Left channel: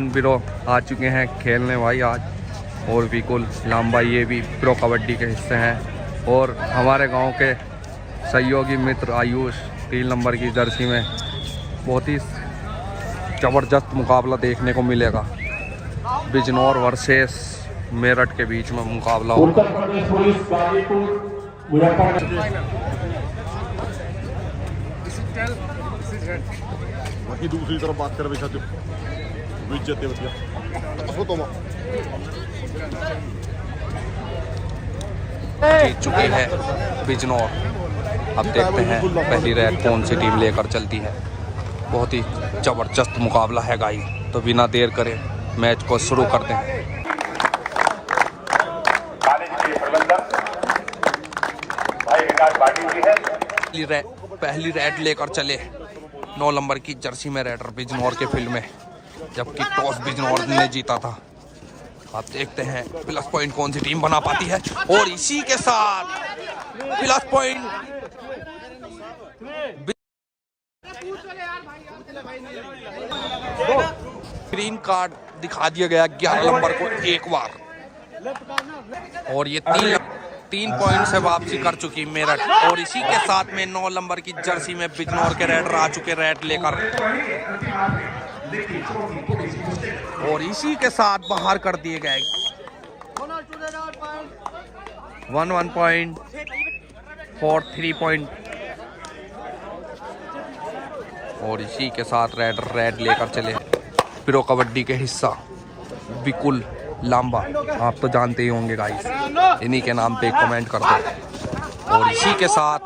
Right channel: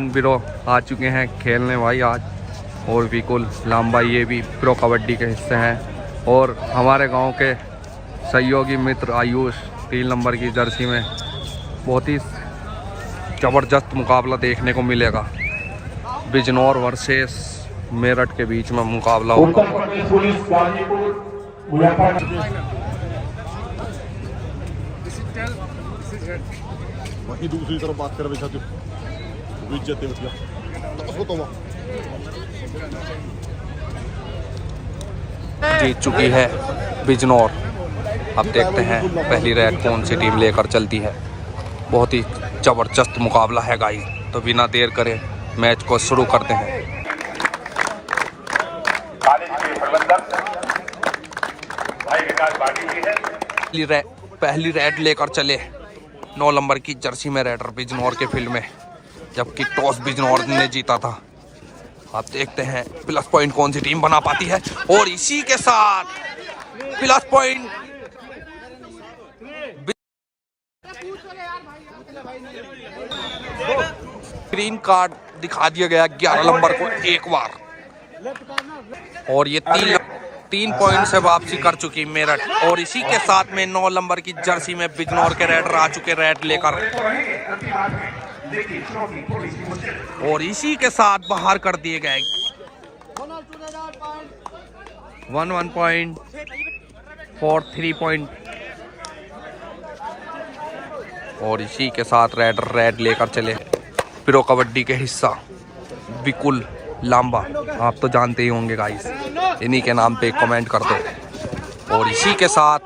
बिरो आ चुके हैं खेलने भाई आज। और विकुल लांबा ये भी प्रो कबड्डी के हिस्से हैं। और हमारे गांव के सहयोगी मित्र आयुष 3 नंबर की जर्सी में बहुत ही ज़बरदस्त मुकाबला देखने को मिलेगा। बिजनौर वर्सेस मेरठ के बीच में मुकाबला होगा। बाकी दूसरी तरफ बात कर जीत चुकी है बिजनौर। अब देखते हैं पहली रेड कौन सी टीम लेकर चलती है। बहुत ही ज़बरदस्त मुकाबला है गाइस, तो बिना देर करे मैच को शुरू करते हैं। पहली रेड लेकर चले 9 नंबर की जर्सी में रेडर बिजनौर के फील्ड में, जबकि टॉस बिजनौर ने जीता था। आप देखते हैं प्लस पॉइंट कौन सी टीम बना पाती है। और इसी के साथ प्लस पॉइंट ग्रीन कार्ड दिखा दिया गया 11 नंबर को एक बार। और ये 3 पॉइंट से वापसी कर चुकी मेरठ। और इसी के साथ में 9 नंबर की जर्सी में बिजनौर के रेडर आ चुके रेड लेकर। और इसी के साथ बाहर कर दिए गए 1 पॉइंट 4 3 पॉइंट। और इसी के साथ रेडर रेड लेकर चले प्रो कबड्डी के हिस्सा विकुल लांबा। आप तो जानते ही होंगे गाइस, इन्हीं के नाम पे कमेंट कर दो। और इसी के साथ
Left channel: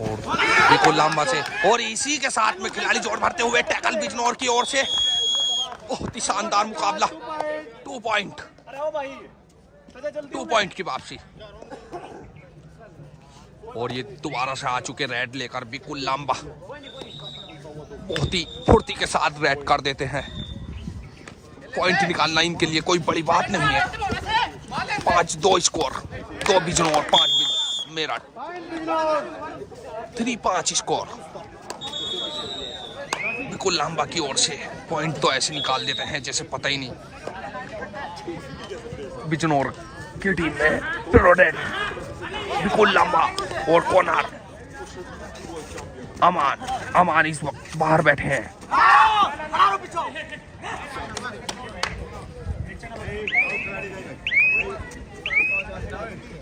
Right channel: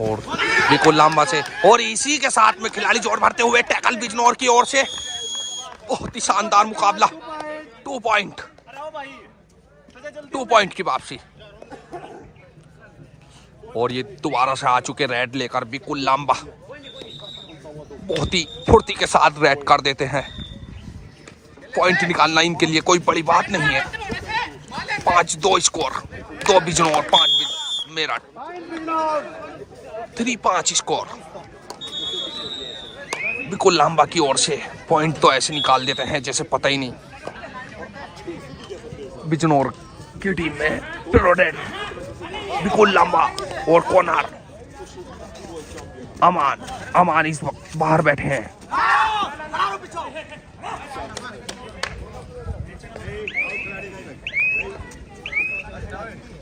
और विकुल लांबा से, और इसी के साथ में खिलाड़ी जोर भरते हुए टैकल बिजनौर की ओर से। बहुत ही शानदार मुकाबला। 2 पॉइंट की वापसी। और ये दोबारा से आ चुके रेड लेकर विकुल लांबा। बहुत ही फुर्ती के साथ रेड कर देते हैं। पॉइंट निकालना इनके लिए कोई बड़ी बात नहीं है। 5-2 स्कोर, 2 बिजनौर 5 मेरठ, 3-5 स्कोर। विकुल लांबा की ओर से पॉइंट तो ऐसे निकाल देते हैं जैसे पता ही नहीं। बिजनौर की टीम में प्रोडेट विकुल लांबा और कोनार अमान इस वक्त बाहर बैठे हैं।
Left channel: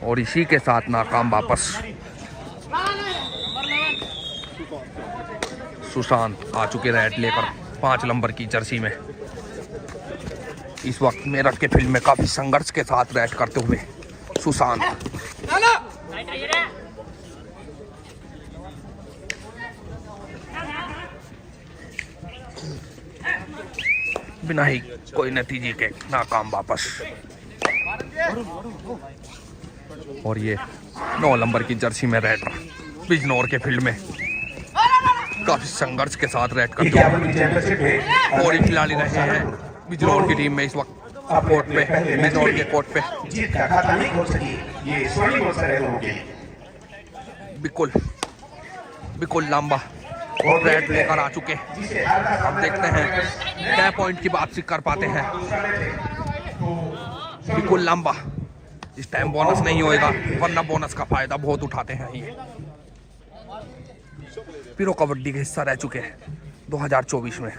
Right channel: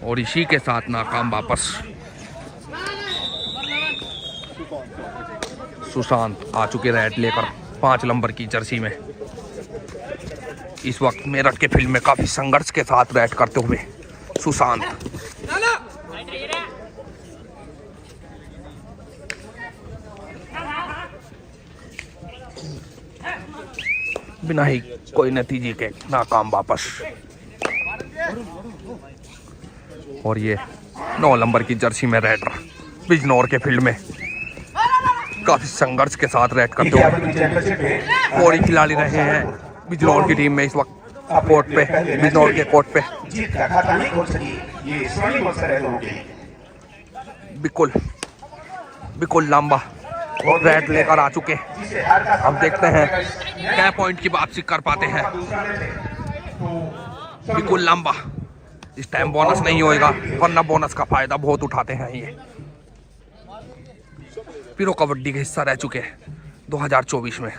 और इसी के साथ नाकाम वापस सुशांत आ चुके रेड लेकर 5 नंबर की जर्सी में। इस वक्त मेरठ के फील्ड में काफी संघर्ष के साथ रेड करते हुए सुशांत। बिना ही कोई नतीजे के नाकाम वापस। और ये 9 नंबर की जर्सी में रेडर बिजनौर के फील्ड में काफी संघर्ष के साथ रेड करते हुए। और खिलाड़ी रहे हैं बिजनौर की टीम में इस वक्त कोर्ट पे, बिजनौर के कोर्ट पे। बिकुल लांबा रेड लेकर आ चुके। अब देखते हैं क्या पॉइंट की वापसी कर पाते हैं बिकुल लांबा। इस टाइम बोनस नहीं होएगा, वरना बोनस का फायदा बहुत उठाते हैं ये। प्रो कबड्डी का हिस्सा रह चुके हैं 2024 में।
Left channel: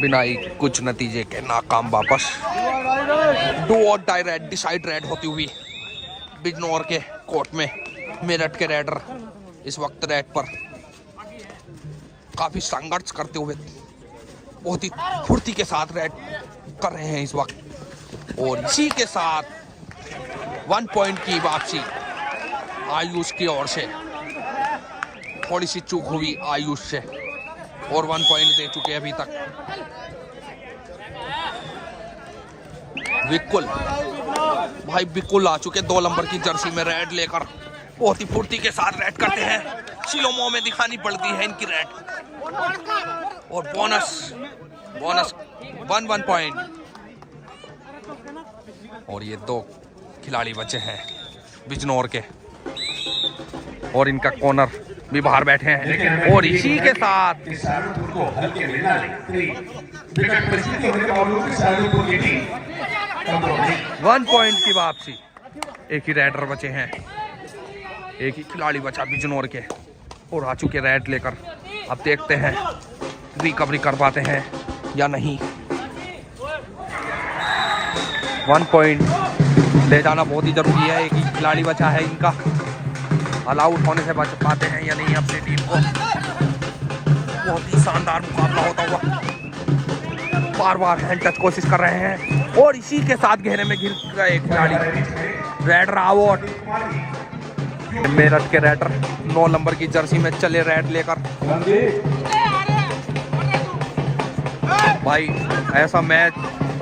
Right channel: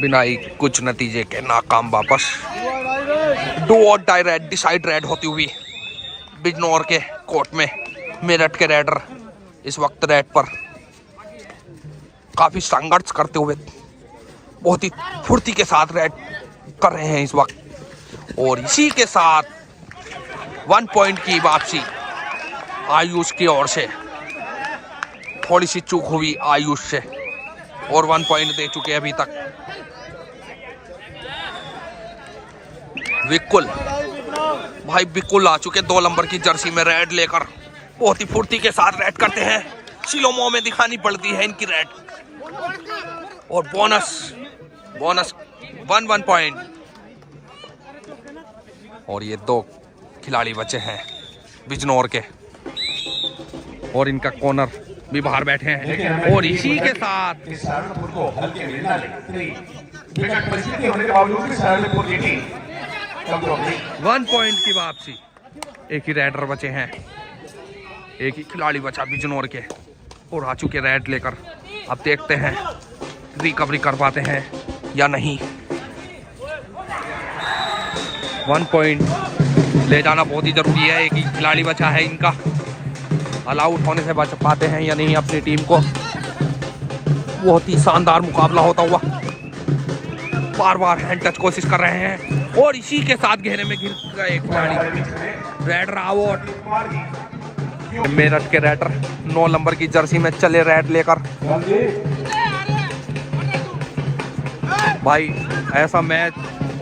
बिना ही कुछ नतीजे के नाकाम वापस। 2 और डाई रेड डिसाइड रेड होती हुई बिजनौर के कोर्ट में। मेरठ के रेडर इस वक्त रेड पर काफी संघर्ष करते हुए बहुत ही फुर्ती के साथ रेड कर रहे हैं इस वक्त। और इसी के साथ 1 पॉइंट की वापसी आयुष की ओर से। थोड़ी सी चूक हुई आयुष से, और 1 पॉइंट दे चुके अभी तक विकुल भाई। विकुल आ चुके 2 नंबर की जर्सी में रेड लेकर। बहुत ही फुर्ती के साथ रेड करते हैं। शिलोमो में दिखानी पड़ती है इनकी रेड। और बोनस 1 पॉइंट। और ये 2 खिलाड़ी बचे हैं बिजनौर के। और इनका कॉर्नर भी बाहर बैठे हैं। और इसी के साथ 1 पॉइंट की वापसी। एक ही रेडर बचे हैं, एक ही खिलाड़ी बचा बिजनौर के और आ चुके रेड लेकर। अब देखते हैं रिकवरी कर पाते हैं या नहीं। 1 पॉइंट ले जाना बहुत ही जरूरी है। एक ही खिलाड़ी बचा है इनका, अलाउट होने से बच पाते हैं या नहीं अपनी टीम को। बहुत ही शानदार मुकाबला होता हुआ, बार बार हैंड टच कोशिश कर रहे हैं और इसी के साथ घेरे में गिर गए खिलाड़ी। Raider out. मेरठ के रेडर 9 नंबर की जर्सी में चले रेड लेकर। भाई ऐसा मैच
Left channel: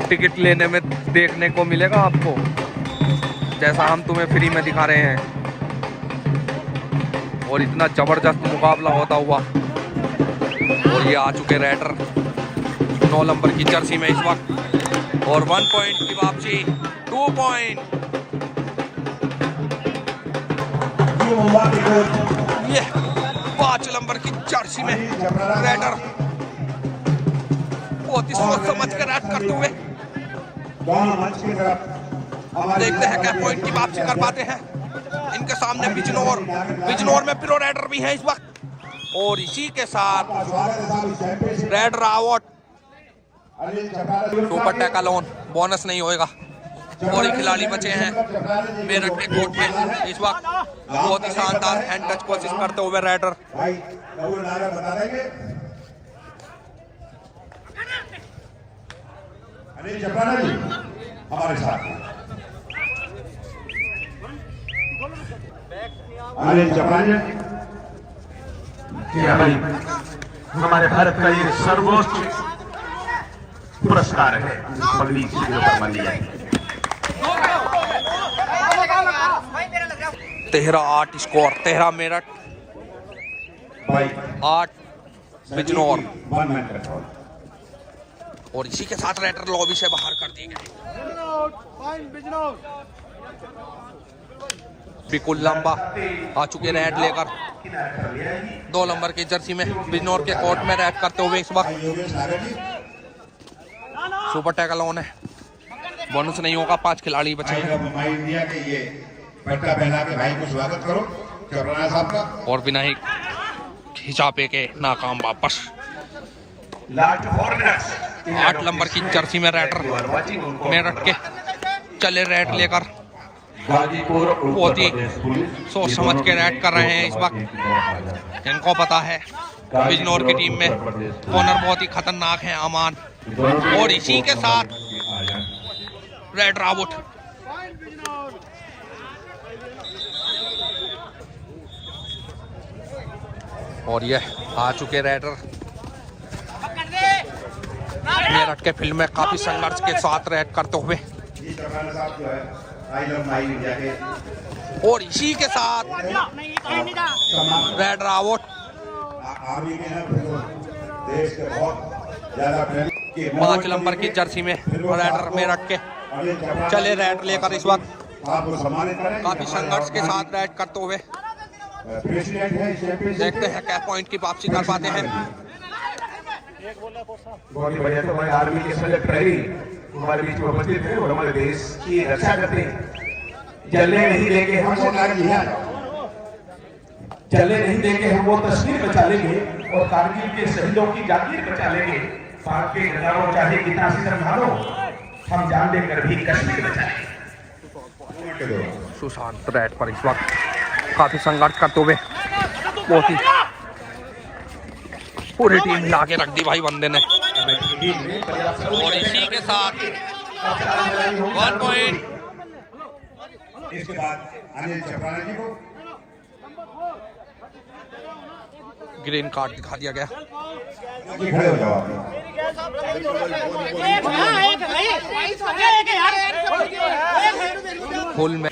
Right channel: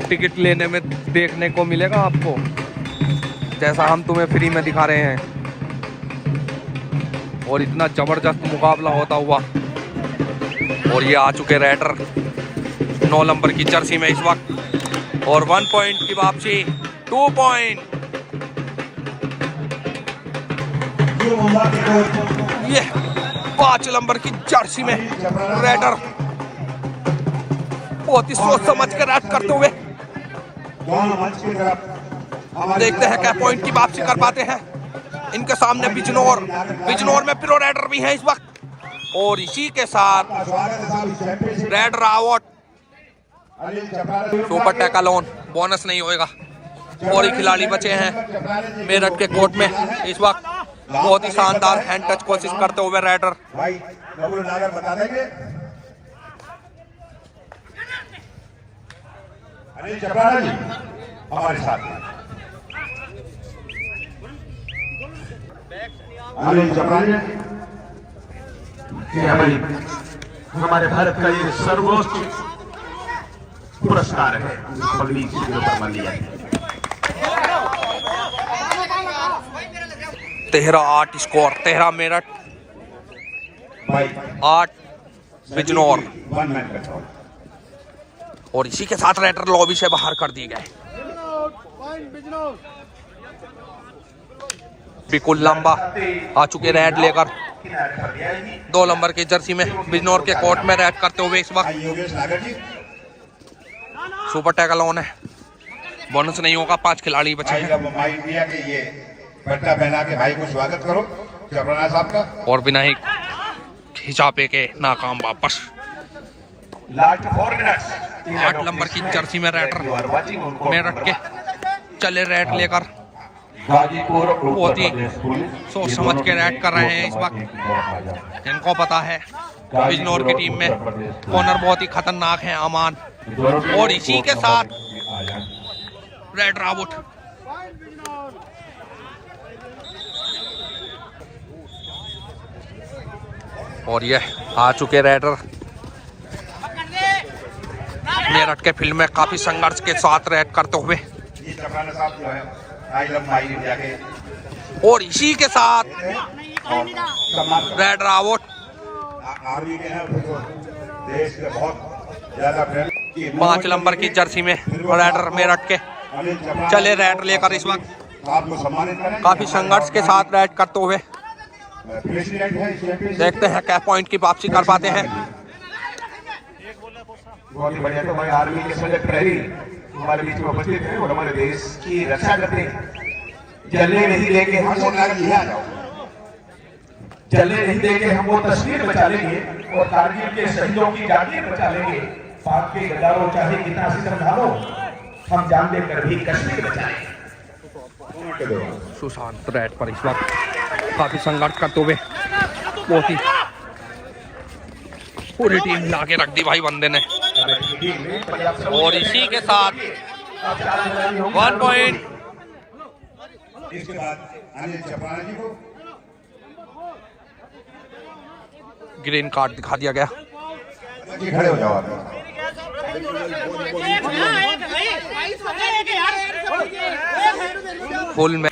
टिकट लेने में देखने को मिलेगा आपको, जैसा हम तुम्हें फ्री में दिखा रहे हैं। और इतना जबरदस्त मुकाबला होता हुआ। और ये आ चुके रेडर 9 नंबर की जर्सी में इस वक्त। और 1 पॉइंट की वापसी। 2 पॉइंट। ये 5 नंबर की जर्सी में रेडर बहुत ही सोच समझ कर रेड करते हुए। देखते हैं क्या पॉइंट की वापसी कर पाते हैं। इनके सामने बिजनौर में प्रो रेडर भी है इस वक्त। और इसी के साथ raider out. Super tackle on, bonus नहीं होएगा। और ही खिलाड़ी बचे हैं मेरठ के कोर्ट में इस वक्त। बहुत ही शानदार हैंड टच कोशिश करते हुए रेडर। हमारे भारत का ये सर्वोच्च पुरस्कार है, पगड़ी सिरों पर मान लिया। 13-8 स्कोर। 13 मेरठ, 8 बिजनौर। और इसी के साथ रेडर लॉबी से बाहर कर दिए गए। बिल्कुल लंबा आ चुके रेड लेकर 2 नंबर की जर्सी में बिजनौर के कोर्ट में रेड करते हुए इस वक्त। सुपर टैकल ऑन है, बोनस नहीं होगा। 5 खिलाड़ी बचे हैं और बिना ही खिंचापे के नाकाम वापस। 8 नंबर की जर्सी में रेडर मेरठ के चले रेड लेकर। बहुत ही सोच समझ के रेड कर रहे हैं इस वक्त। इनको पता है बिजनौर की टीम में कॉर्नर बहुत ही खतरनाक है अमान। और इसी के साथ रेडर आउट। और ये आ चुके रेडर मेरठ के फील्ड में काफी संघर्ष के साथ रेड करते हुए। और इसी के साथ रेडर आउट। 5 नंबर की जर्सी में रेडर मेरठ के चले रेड लेकर इस वक्त। काफी संघर्ष के साथ रेड करते हुए। देखते हैं क्या पॉइंट की वापसी कर पाते हैं। बहुत ही बढ़िया। तो हमारे आर्मी के सभी प्रहरी हमारे बीच में उपस्थित हैं और हमारे देश की रक्षा करते हैं। जलने नहीं देंगे हम वो चलने नहीं देंगे हम वो तस्वीर बचा लेंगे और कारगिल के शहीदों की जातियां बचा लेंगे। पाक के हजारों चाहे कितना सितम ढालो, हम जान देकर भी कश्मीर बचाएंगे। सुशांत रेड पर इस वक्त काफी संघर्ष करते हुए। बहुत ही पूरी टीम ला के रख दी भाई बंदे ने। और इसी के साथ 1 पॉइंट। इसके बाद अनिल चपराला जी को ग्रीन कार्ड दिखा दिया गया। फुल में।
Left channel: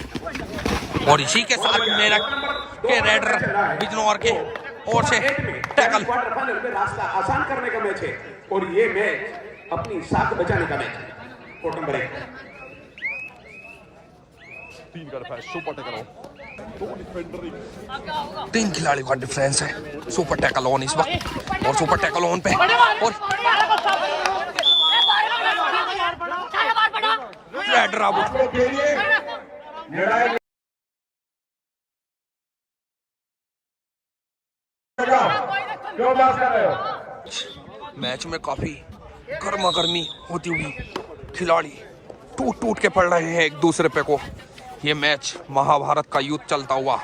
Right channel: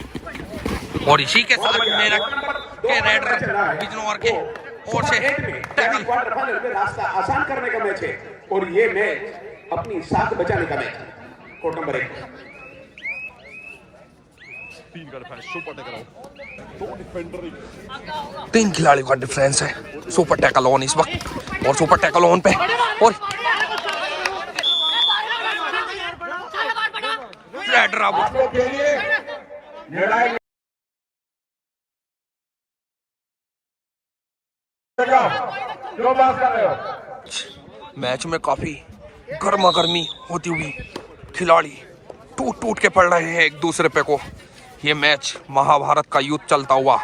और इसी के साथ मेरठ के रेडर बिजनौर के ओर से टैकल। रास्ता आसान करने का मैच है और ये मैच अपनी साख बचाने का मैच है। कोर्ट नंबर 1 तीन खिलाड़ियों का डिफरेंस है। सुपर टैकल ऑन इस वक्त और सुपर टैकल ऑन पे और रेडर आउट। मैच में काफी गर्मा गर्मी होती हुई खिलाड़ी टूट टूट के पड़ रहे हैं एक दूसरे पे को। ये मैच महाभारत का युद्ध चलता हुआ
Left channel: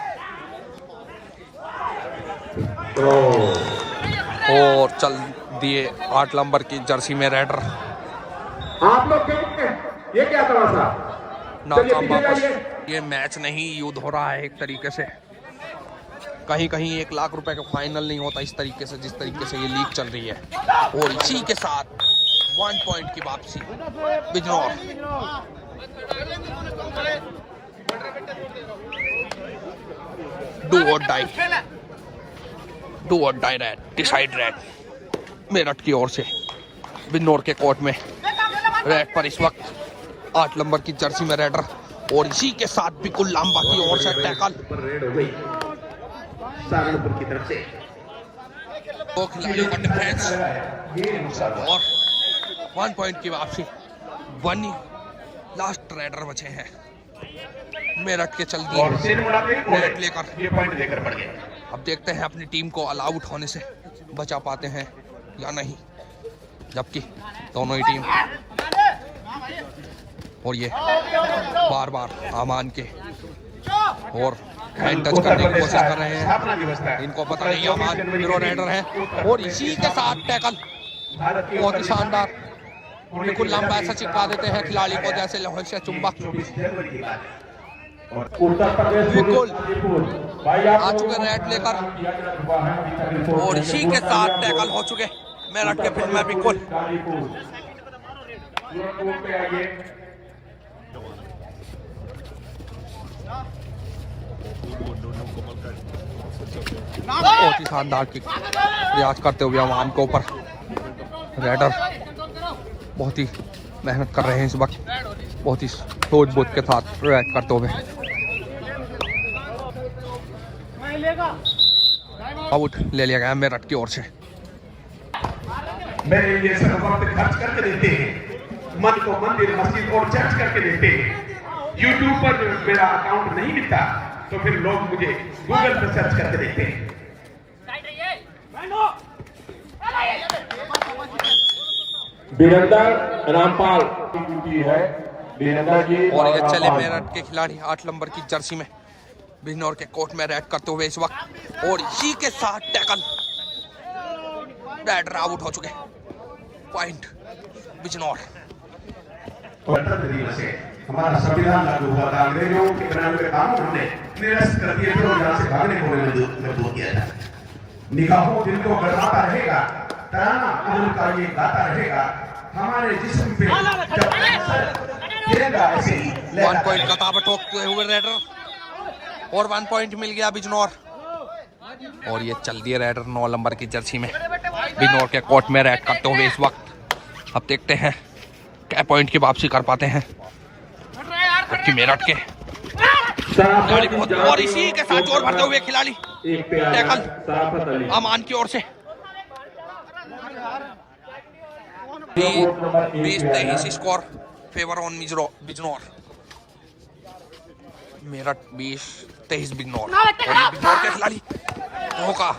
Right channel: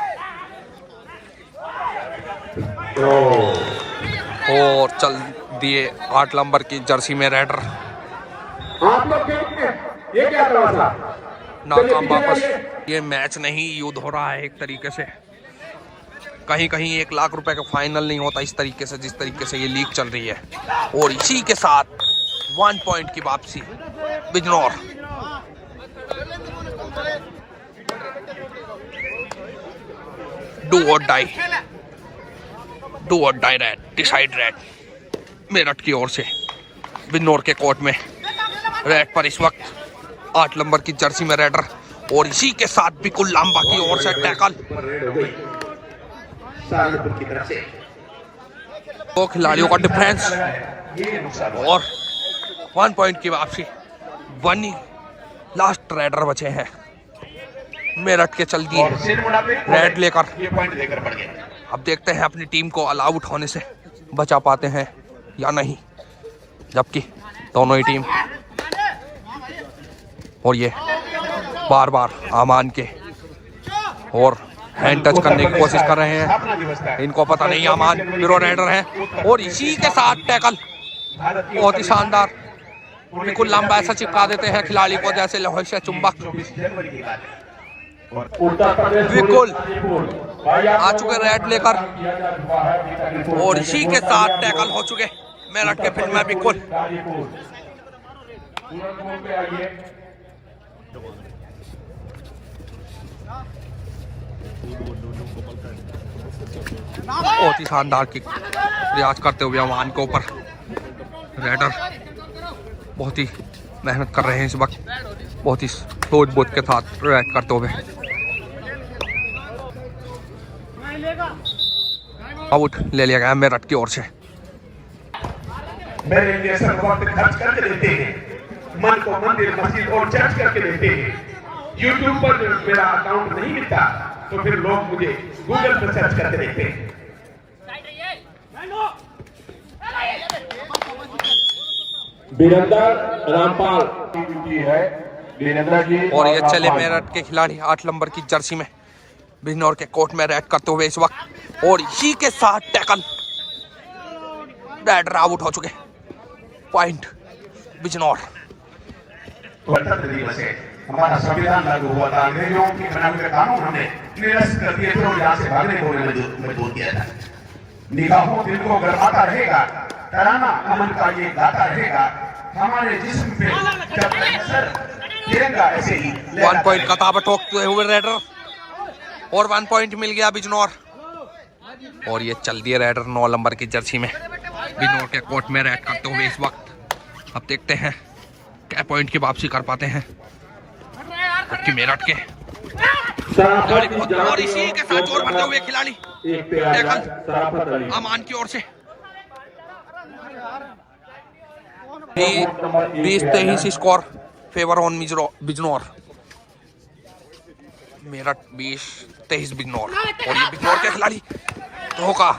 और चल दिए 8 नंबर की जर्सी में रेडर। आप लोग ये क्या करा था? नाकाम वापस। ये मैच नहीं, युद्ध हो रहा है एक तरीके से। कहीं कहीं 1 लाख रुपए का फाइनल नहीं होता इस तरीके से जिस तरीके से ये लीग चल रही है। और इसी के साथ 1 पॉइंट की वापसी Bijnor. Do or die raid, decide raid Meerut की ओर से बिजनौर के कोर्ट में रेड पर इस वक्त 8 नंबर की जर्सी में रेडर। और इसी के साथ बिकुल लांबा की ओर से टैकल। 2 खिलाड़ियों का डिफरेंस और 1 पॉइंट की वापसी। बनी लास्ट रेडर बचे हैं मेरठ के। चल दिए रेड लेकर। अब देखते हैं अपनी टीम को ऑल आउट होने से बचा पाते हैं या नहीं, जबकि दोनों ही टीम और ये बार बार आमान के और हैंड टच करने की कोशिश कर रहे हैं। इनको पता नहीं आमान बिरो रेडर है। और इसी के साथ टैकल बहुत ही शानदार। बिल्कुल लंबा ऐसा चिपका देते हैं खिलाड़ी को जैसे लोहे से चुंबक। बिल्कुल आ चुके रेड लेकर और इसी के साथ टैकल हो चुके मेरठ के फील्ड में। बिल्कुल बहुत ही शानदार किक प्रयास करते हुए अमान के ऊपर रेडर बहुत ही मेहनत कर रहे हैं इस वक्त, बहुत ही सोच बूझ के साथ प्रयास करते हुए। आउट ले लिया गया मेरठ की ओर से। मेरे लिए सब वक्त खर्च करके देते हैं, मन को मंदिर मस्जिद और चर्च करके देते हैं। यूट्यूब पर मेरा अकाउंट नहीं मिलता तो फिर लोग मुझे गूगल पर सर्च करके देखते हैं। वीरेंद्र रामपाल और ये चले मेरठ के खिलाड़ी 8 नंबर की जर्सी में बिजनौर के कोर्ट में रेड करते हुए इस वक्त। और इसी के साथ टैकल रेडर आउट हो चुके। पॉइंट बिजनौर। हमारा संविधान लागू हुआ था, अंग्रेजों के बनाए हुए कानून हमने निरस्त कर दिए थे और यहाँ से भागने को मजबूर किया था। निगाहों दिल को गरमाता रहेगा, तराना उम्र का ये गाता रहेगा हमारे जिस्म पे। 1 पॉइंट का ताबा ठोकते हुए रेडर और 1 पॉइंट मिल गया बिजनौर। और ये चल दिए रेडर 9 नंबर की जर्सी में बिजनौर के कोर्ट में रेड करते हुए इस वक्त। अब देखते हैं क्या पॉइंट की वापसी कर पाते हैं जबकि मेरठ के खिलाड़ी बहुत। और इसी के साथ जोर भरते हुए खिलाड़ी टैकल अमान की ओर से। 20-23 score favour on Bijnor. Meerut 20-23 Bijnor. और ये बिजनौर के खिलाड़ी धोखा,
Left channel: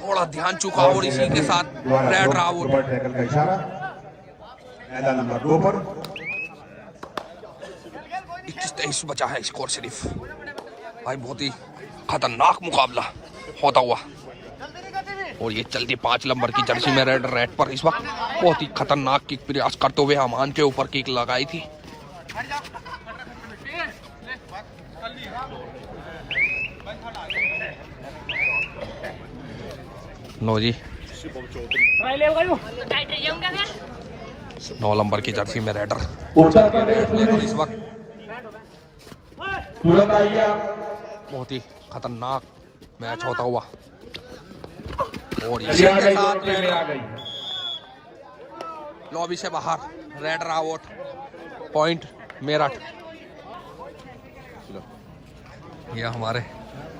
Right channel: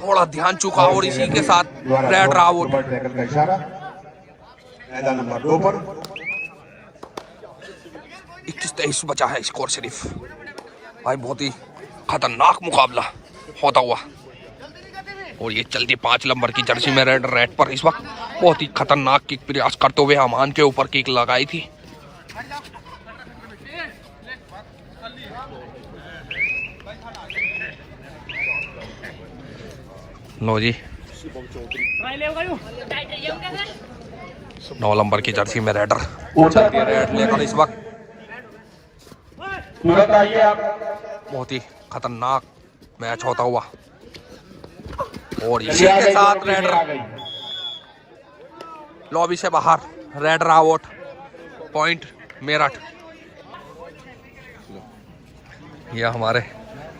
थोड़ा ध्यान चुका और इसी के साथ रेड आउट। 21-23 बचा है स्कोर सिर्फ। भाई बहुत ही खतरनाक मुकाबला होता हुआ। और ये चलती 5 नंबर की जर्सी में रेड पर इस वक्त बहुत ही खतरनाक किक प्रयास करते हुए अमान के ऊपर किक लगाई थी। लो जी 9 नंबर की जर्सी में रेडर चलती है रेड लेकर इस वक्त। बहुत ही खतरनाक मैच होता हुआ। और इसी के साथ रेडर लॉबी से बाहर। Raider out. पॉइंट मेरठ। ये हमारे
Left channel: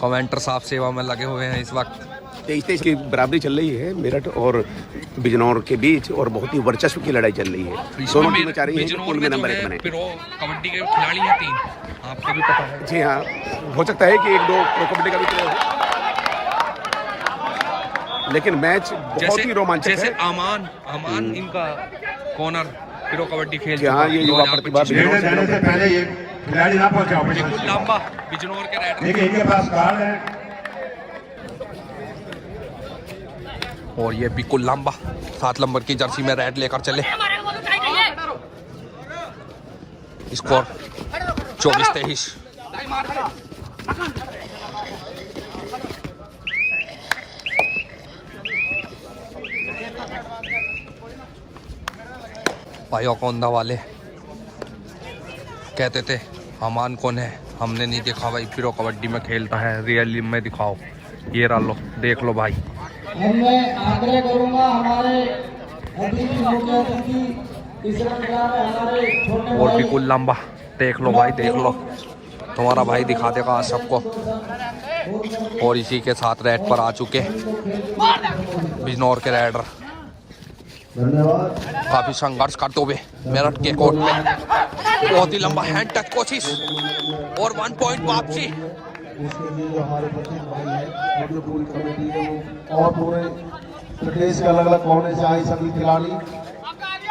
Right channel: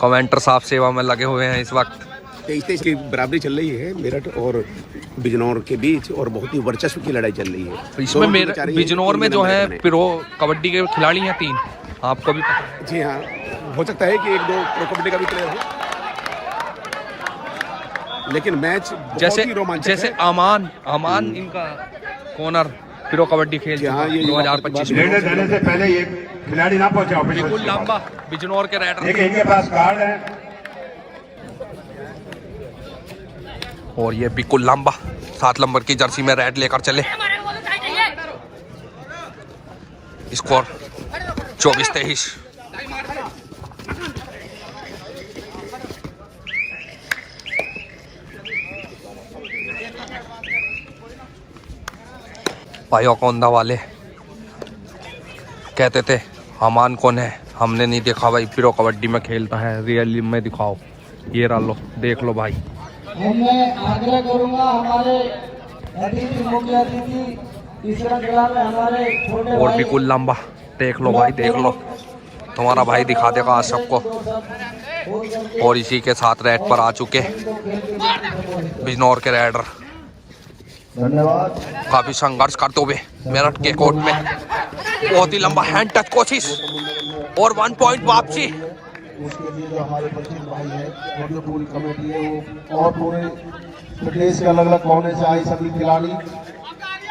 कमेंटर साहब सेवा में लगे हुए हैं इस वक्त। 23 की बराबरी चल रही है मेरठ और बिजनौर के बीच, और बहुत ही वर्चस्व की लड़ाई चल रही है। इसमें बिजनौर में जो है प्रो कबड्डी के खिलाड़ी हैं 3, आपको भी पता है। जी हाँ, हो सकता है कि 1-2 प्रो कबड्डी का भी हो, लेकिन मैच बहुत ही रोमांचक है। जैसे अमान इनका कॉर्नर प्रो कबड्डी खेल। हाँ, ये 2025 जाने से पहले ये खिलाड़ी ना पहुंचा। बिल्कुल लांबा बिजनौर के राइडर। देखिए इनके पास कार्ड है और ये बिल्कुल लंबा 7 नंबर की जर्सी में रेड लेकर चले। स्कोर 24-23। पायोकोंदा वाले कहते थे अमान कौन है, हमने नहीं देखा भाई, प्रो कबड्डी में खेलता है, रियली में दिखाओ। ये रहा लो, देख लो भाई। मैं आग्रह करूंगा हमारे और बिल्कुल लंबा, देख लो भाई, देख लो, तुम्हारा भाई दिखा देगा आज सबको। और इसी के साथ रेड पर आ चुके बिजनौर के राइडर। काफी संघर्ष करते हुए मेरठ के कोर्ट में बहुत ही लंबा हैंड टच कोशिश और 1 पॉइंट वापसी। और पूरे प्रदेश के अलग अलग कोने से आए सभी खिलाड़ी,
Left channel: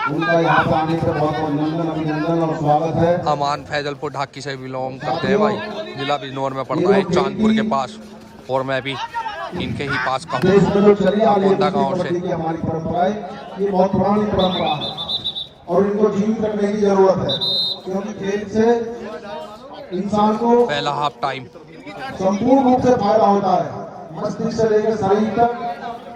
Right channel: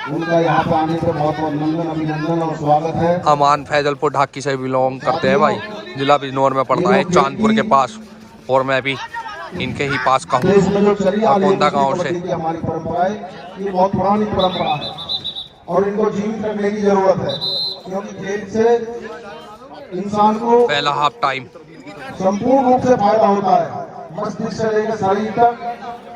उनका यहाँ पर आने पर बहुत अभिनंदन और स्वागत है। अमान फैजलपुर ढाकी से बिलोंग करते हैं भाई, जिला बिजनौर में पड़ता है, चांदपुर के पास, और मैं भी इनके ही पास का हूँ, अकोंदा गाँव से। हमारी परंपराएं ये बहुत पुरानी परंपरा है और इनको जीवित रखने की जरूरत है, क्योंकि खेल से इंसान को पहला हाफ टाइम संपूर्ण रूप से फायदा होता है, मस्तिष्क से लेकर शरीर तक।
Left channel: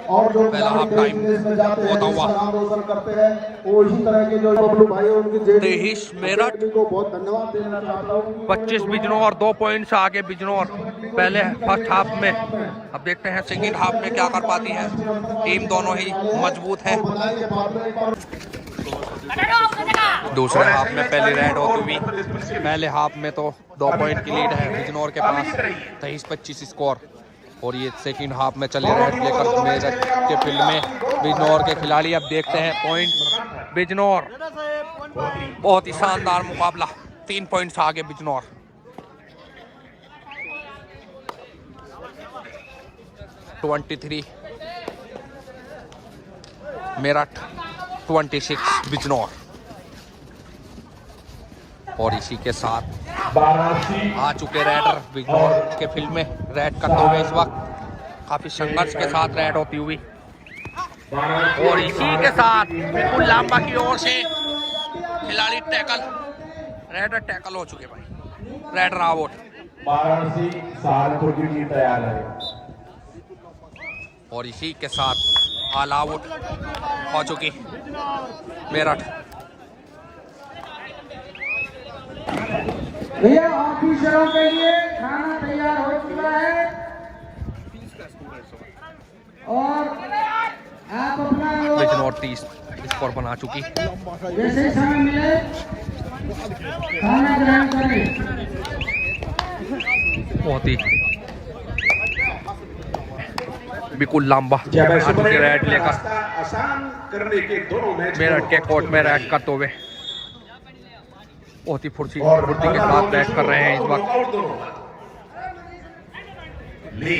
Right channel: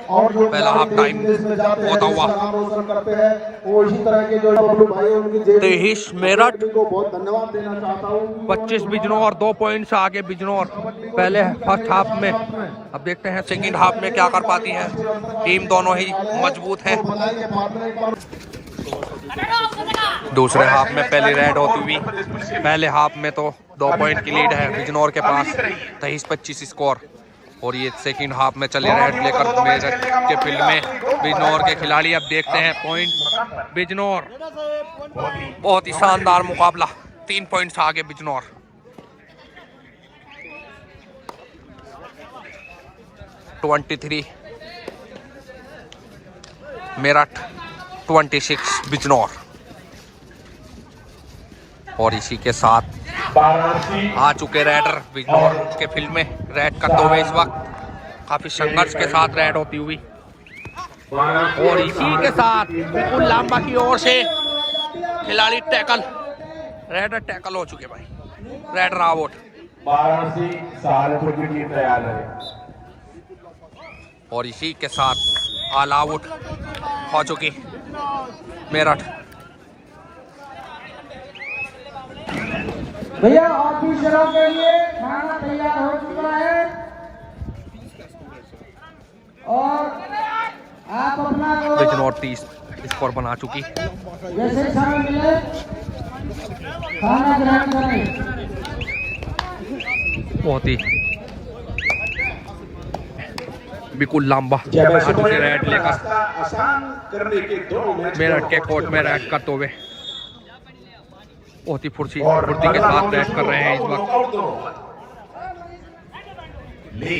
और जो पहला हाफ टाइम होता हुआ करते हैं वो इसी तरह के जो बबलू भाई उनके 23 मेरठ को बहुत धन्यवाद देना चाहता हूँ। 25 बिजनौर, 2 पॉइंट से आगे बिजनौर पहले फर्स्ट हाफ में। अब देखते हैं सेकंड हाफ में क्या कर पाती है टीम, दोनों ही मजबूत है। दूसरे हाफ में पहली रेड होती हुई, पहले हाफ में तो 2 पॉइंट की लीड है बिजनौर के पास, 23-25 स्कोर। और ये सेकंड हाफ में चले रेड लेकर मेरठ के फील्ड में बिजनौर के खिलाड़ी। अब देखते हैं पॉइंट बिजनौर, बहुत ही शानदार मुकाबला, 3 पॉइंट से आगे बिजनौर। मेरठ 26 बिजनौर। और इसी के साथ आ चुके राइडर बिजनौर के फील्ड में रेड करते हुए इस वक्त, काफी संघर्ष के साथ रेड होती हुई। और इसी के साथ बिल्कुल लांबा की ओर से खिलाड़ी टैकल, रेडर टैकल हो चुके भाई, रेडर आउट। और इसी के साथ ऑल आउट हो चुकी मेरठ। भैया ऑफिसरों के लिए खाना तैयार हो चुका है और आप अपना बिजनौर 30 स्कोर बना चुकी। जैसे समय मिले खाना ग्रहण करें। बहुत ही बिल्कुल लंबा रेड लेकर आसान करने के दोनों मैच मेरठ के कोर्ट में रेड करते हुए बहुत ही फुर्ती के साथ बैट कर रहे हैं इस वक्त।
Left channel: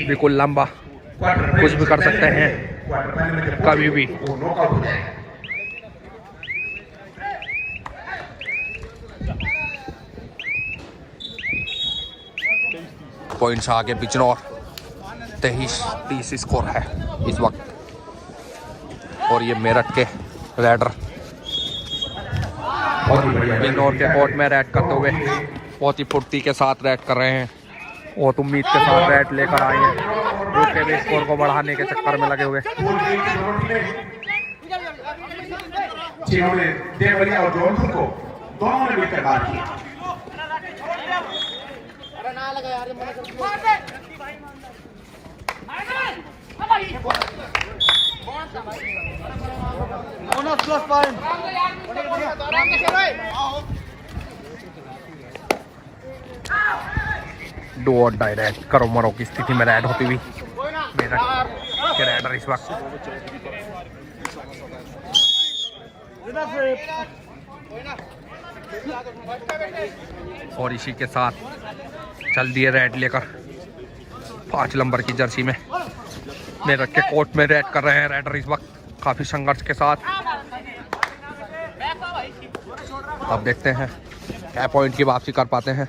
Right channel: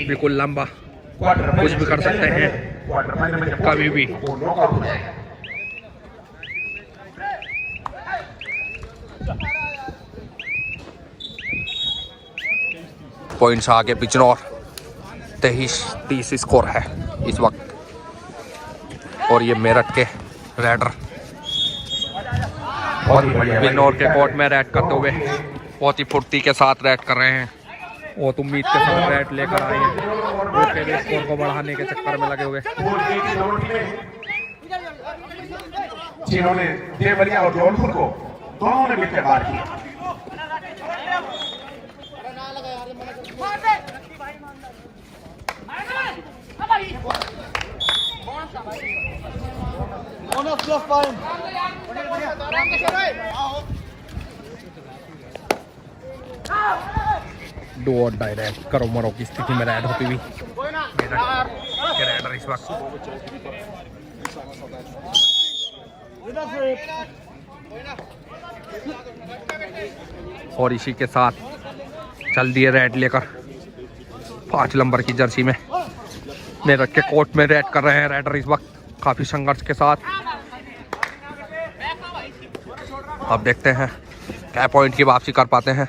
बिल्कुल लंबा, कुछ भी कर सकते हैं कभी भी। पॉइंट्स आगे बिजनौर, 23-30 स्कोर है इस वक्त। और ये मेरठ के राइडर बिजनौर के कोर्ट में रेड करते हुए बहुत ही फुर्ती के साथ रेड कर रहे हैं, बहुत उम्मीद के साथ रेड लेकर आए हैं, वो के भी स्कोर को बढ़ाने के चक्कर में लगे हुए। देवरिया और जौनपुर को दोनों ने मिलकर बात की। डू और डाई रेड, करो मरो की स्थिति में रेड होती हुई मेरठ के रेडर इस वक्त। और इसी के साथ चल दिए रेड लेकर 5 नंबर की जर्सी में मेरठ के कोर्ट में रेड कर रहे हैं रेडर इस वक्त काफी संघर्ष के साथ। अब देखते हैं क्या पॉइंट की वापसी कर पाते हैं।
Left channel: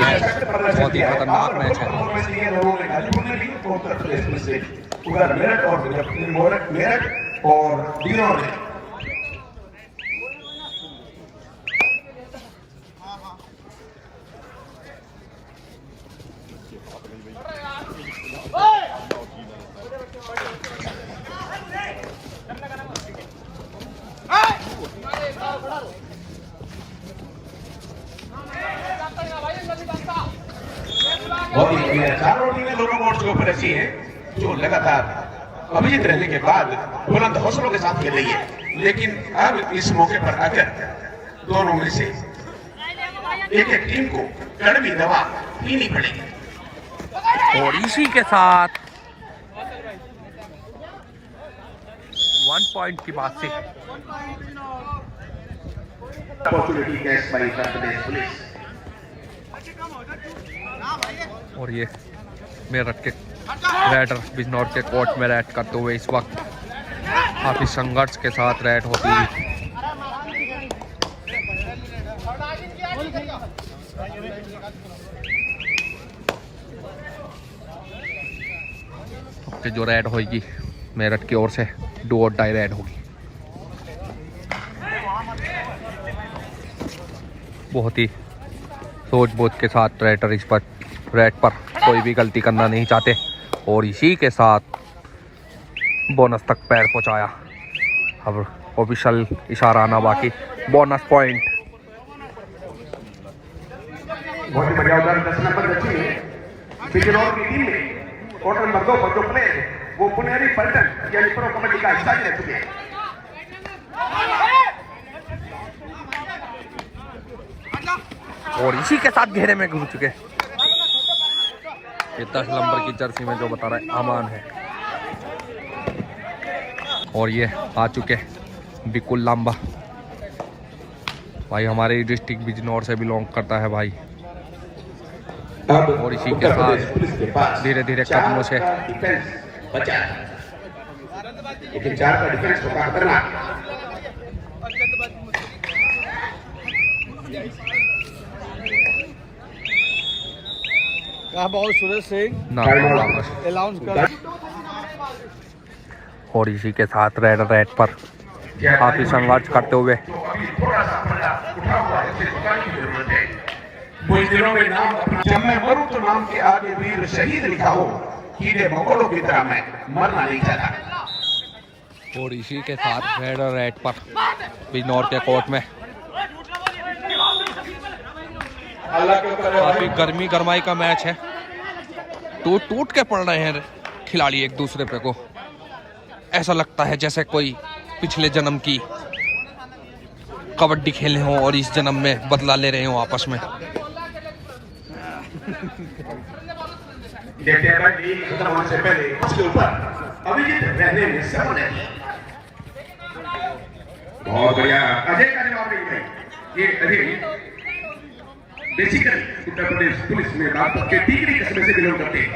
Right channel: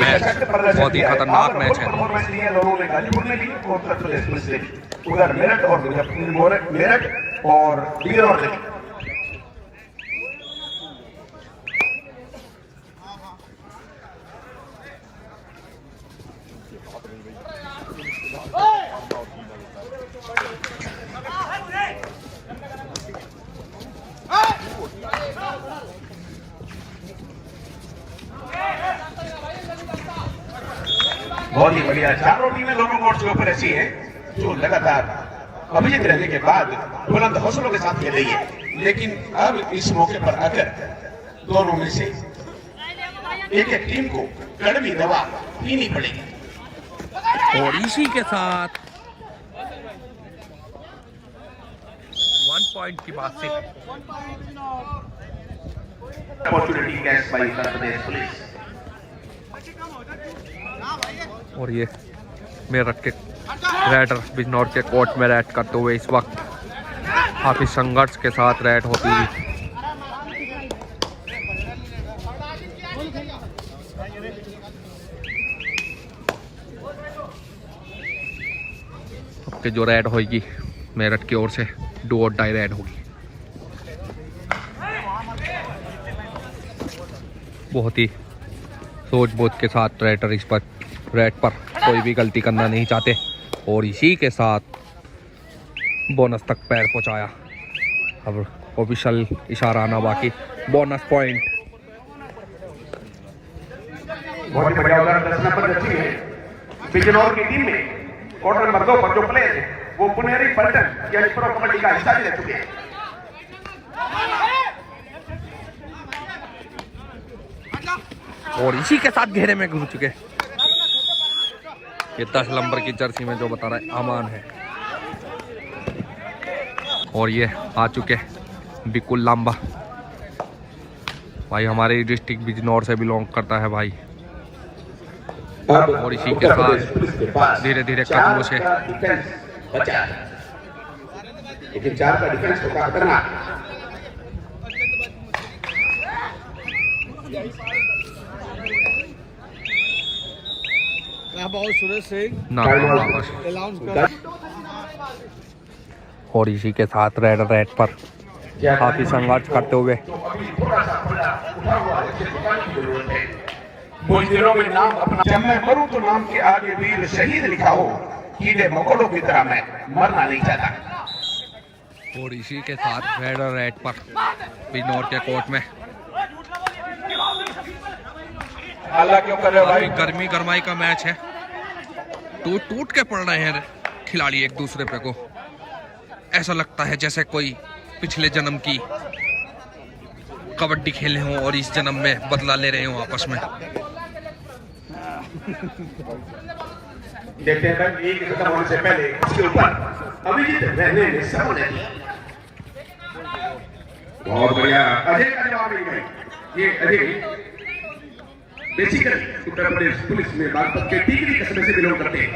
मैच बहुत ही खतरनाक मैच है। बहुत ही बढ़िया, चारों टीमें दोनों मोर्चों पर ऐसी है जो लगातार अभिजीत रहने के बाद बुलंद हौसलों के साथ खेल रही है, लेकिन अब इस मौके पर आकर दोनों में से एक एक टीम को कड़वी दवा पीनी पड़ेगी। और इसी के साथ 1 पॉइंट की बात से और ये मेरठ के रेडर बिजनौर के कोर्ट में रेड करते हुए इस वक्त काफी संघर्ष के साथ रेड होती हुई। तो जो रेड होगी मेरठ की ओर से डू और डाई रेड होगी। बहुत ही सोच बूझ के साथ रेडर इस पर रेड पर कोई भी गलती करना नहीं चाहते और इसी के साथ बोनस तक पैर पहुंचाया। अब ऑफिशियल इशारा आना बाकी, बोनस पॉइंट। बहुत बढ़िया उदाहरण 10 नंबर अच्छी है बिजनौर की टीम ने क्वार्टर नंबर 2 पर जो प्ले वो पुनेरी पर्यटन या प्रो कबड्डी का हिस्सा ले चुके हैं। और इसी के साथ घेरे में घुस चुके ये 10 नंबर की जर्सी में जो बता रहा है अमान है। और ये आ चुके बिकुल लांबा भाई, हमारे डिस्ट्रिक्ट बिजनौर से बिलोंग करता है भाई। और इसी के साथ धीरे धीरे कदमों से सुरेश सिंह और इसी के साथ रेड पर काफी संघर्ष करते हुए कुछ दिनों में नाम अपना, जब मैं मरूं तो नाम के आगे वीर शहीद लिखा हो, कीड़े मकोड़ों की तरह मैं मरना नहीं चाहता। और इसी के साथ रेड पर बिजनौर के कोर्ट में काफी गर्मी गरमाई का मैच है। टूट के पड़ रहे हैं खिलाड़ी एक दूसरे पे को। ऐसा लगता है जैसे कोई पिछले जन्म की कबड्डी खेले हो और इस जन्म में बदला ले रहे हो आपस में। बहुत बढ़िया, अजय का जवाब ये अजय बेसिकली उत्तर प्रदेश पुलिस में बागपत के टीकरी कस्बे से बिलोंग करते हैं।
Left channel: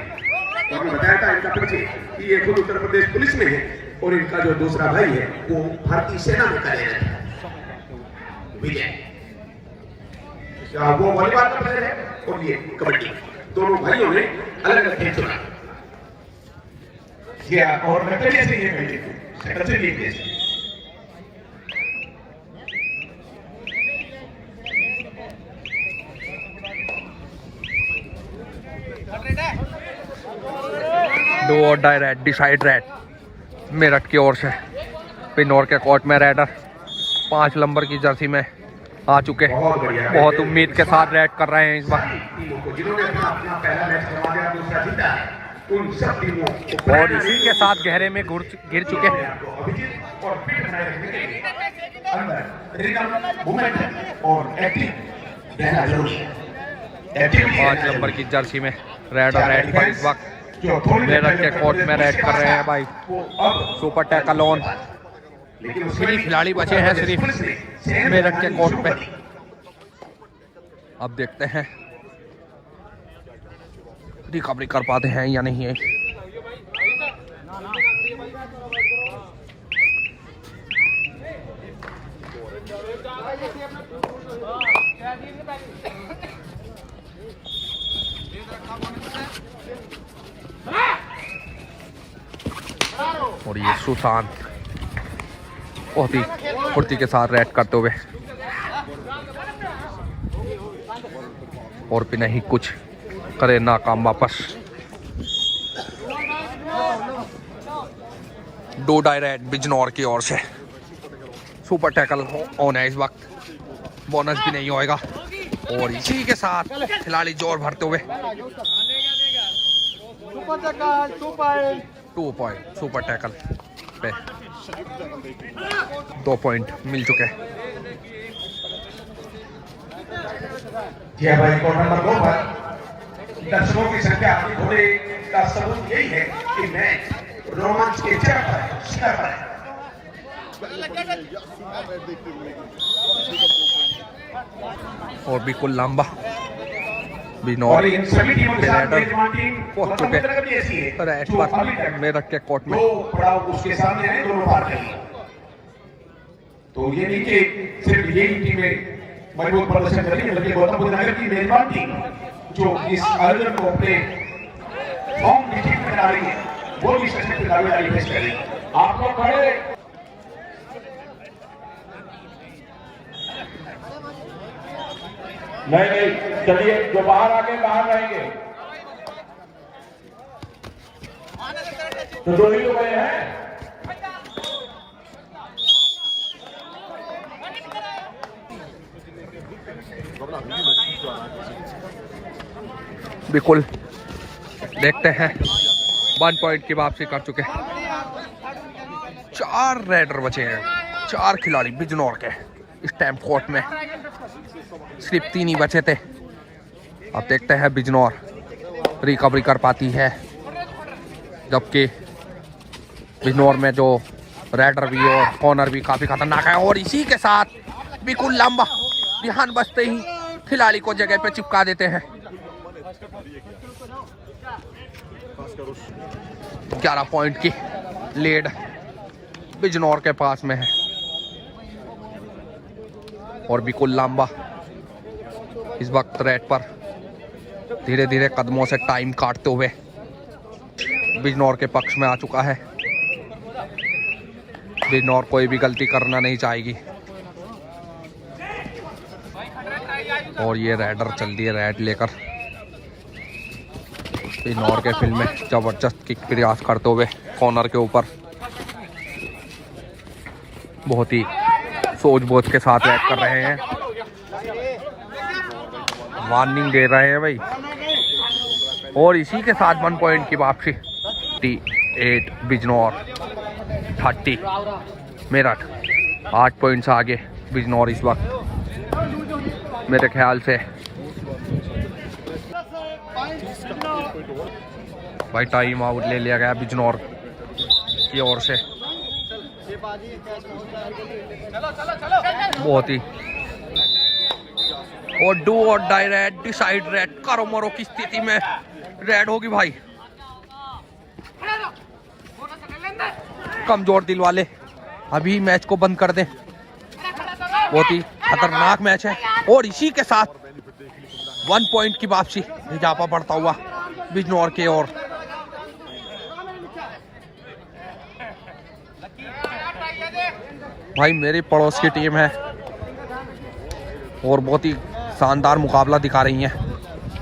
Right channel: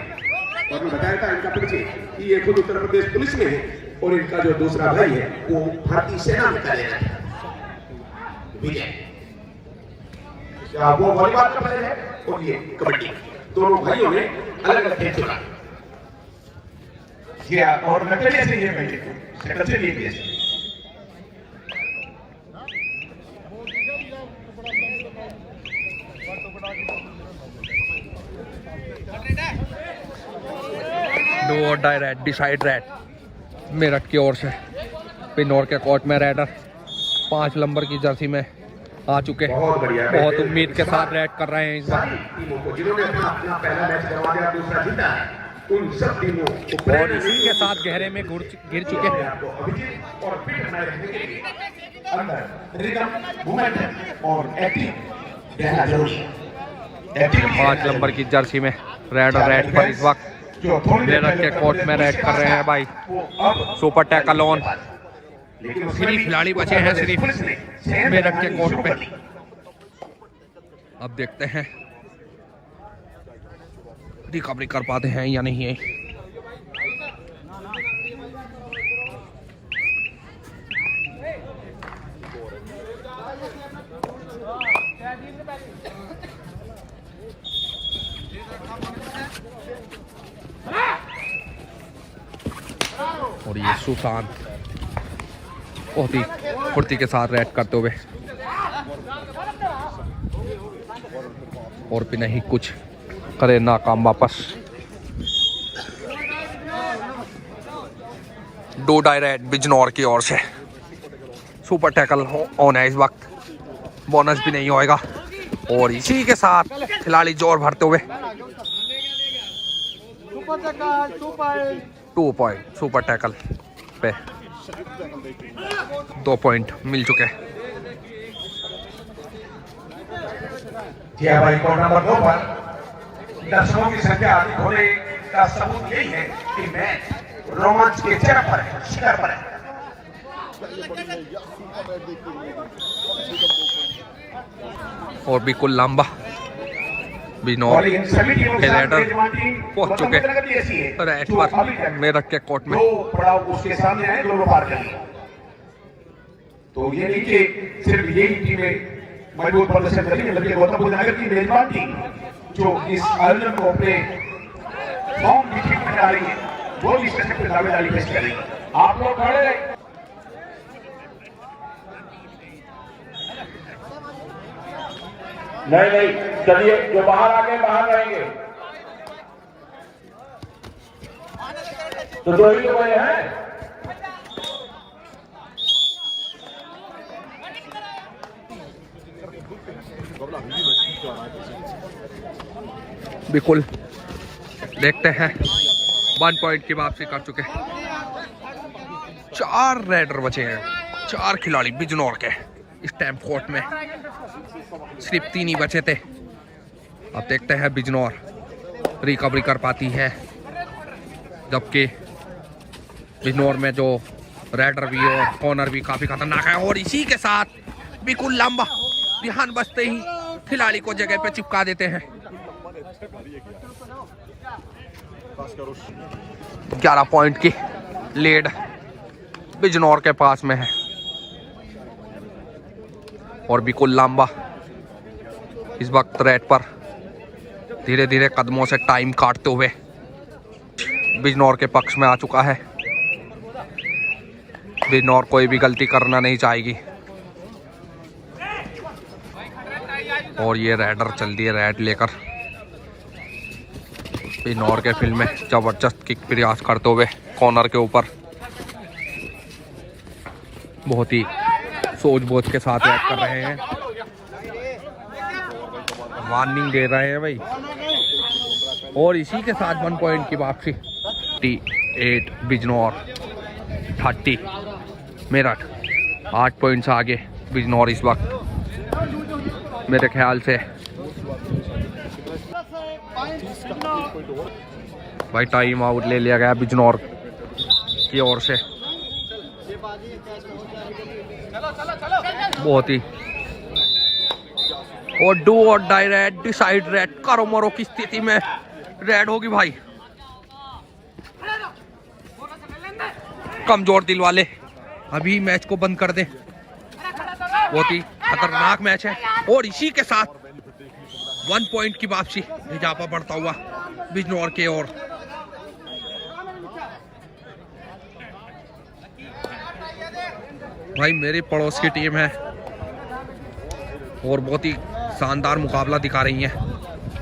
तो आपने बताया था इनका परिचय कि ये खुद उत्तर प्रदेश पुलिस में है और इनका जो दूसरा भाई है वो भारतीय सेना में कार्यरत है, विजय। वो वॉलीबॉल का प्लेयर है और ये कबड्डी। दोनों भाइयों ने अलग अलग खेल चुना और नकली से ये भाई शक्ल से ये case do or die raid, decide raid Meerut की ओर से बिजनौर के कोर्ट में रेडर 5 नंबर की जर्सी में आ चुके। बहुत उम्मीद के साथ रेड कर रहे हैं इस बार। और इसी के साथ गहरे में घिर चुके हैं। रिदम, मोमेंट और एक्टिव रहना जरूरी है। 5 नंबर की जर्सी में रेड और रेड पर इस वक्त मेरठ के कोर्ट में रेड कर रहे हैं भाई। Super tackle on. 3 खिलाड़ी बचे हैं सिर्फ मेरठ के कोर्ट पे। अब देखते हैं रिकवरी कर पाते हैं या नहीं है। और ये सुशांत बहुत ही फुर्ती के साथ रेड करते हुए और भी नहीं कुछ करे नाकाम वापस। 2 डायरेक्ट बिजनौर की ओर से सुपर टैकल ऑन है इस वक्त। बोनस भी नहीं होएगा और इसी के साथ खिलाड़ी जोर भरते हुए 2 पॉइंट सुपर टैकल पे 2 पॉइंट मिल चुके हैं। भाई नंबर 2 पर दर्शकों की संख्या होने का सबूत यही है कि मैच रोमांच के चरम पर है, शिखर पर है। और बिल्कुल लंबा बिजनौर के रेडर पहुंच चुके रेड पर मेरठ के कोर्ट में। उसके सामने है, दोनों पार कर लिए। तो ये नहीं कि सिर्फ यही टीमें मजबूत प्रदर्शन करेगी, बल्कि गौतम बुद्ध नगर की मेजबान टीम जो इस आयोजन को अपने फॉर्म की ठीक में कराएगी, वो भी इस पे दावेदारी पेश करेगी। आप लोग खड़े रहे। नहीं, चलिए जो बाहर आगे बाहर रहेंगे। तो जोड़ी को बने हैं। बिल्कुल देखते हैं 1 पॉइंट की वापसी कर चुके हैं। 4 रेडर बचे हैं, 4 खिलाड़ी बिजनौर के इस टाइम कोर्ट में। सिर्फ 3 ही बचे थे। अब देखते हैं बिजनौर रिकवरी कर पाती है, जबकि बिजनौर में जो रेडर भी और कॉर्नर भी काफी खतरनाक है। और इसी के साथ बिल्कुल लंबा ध्यान बचते ही खिलाड़ी को जगह पे चिपका देते हैं। 11 पॉइंट की लीड बिजनौर के पास में है। और बिल्कुल लंबा इस वक्त रेड पर धीरे धीरे कदमों से टाइम काटते हुए बिजनौर के पक्ष में आ चुका है। बिजनौर कोई भी गलती करना नहीं चाहेगी। और ये रेडर चल रही है रेड लेकर बिजनौर के फील्ड में, जबरदस्त किक प्रयास करते हुए कॉर्नर के ऊपर बहुत ही सोच-बोझ के साथ रेड कर रहे हैं। वार्निंग दे रहे हैं भाई। और इसी के साथ 1 पॉइंट की वापसी। 8 बिजनौर 30 मेरठ। 8 पॉइंट से आगे बिजनौर इस वक्त मेरे ख्याल से। भाई टाइम आउट ले लिया गया बिजनौर की ओर से। बहुत ही और do or die raid decide red करो मरो की स्थिति में रेड होगी भाई। कमजोर दिल वाले अभी मैच को बंद कर दें। बहुत ही खतरनाक मैच है। और इसी के साथ 1 पॉइंट की वापसी, इजाफा बढ़ता हुआ बिजनौर की ओर। भाई मेरी पड़ोस की टीम है और बहुत ही शानदार मुकाबला दिखा रही है।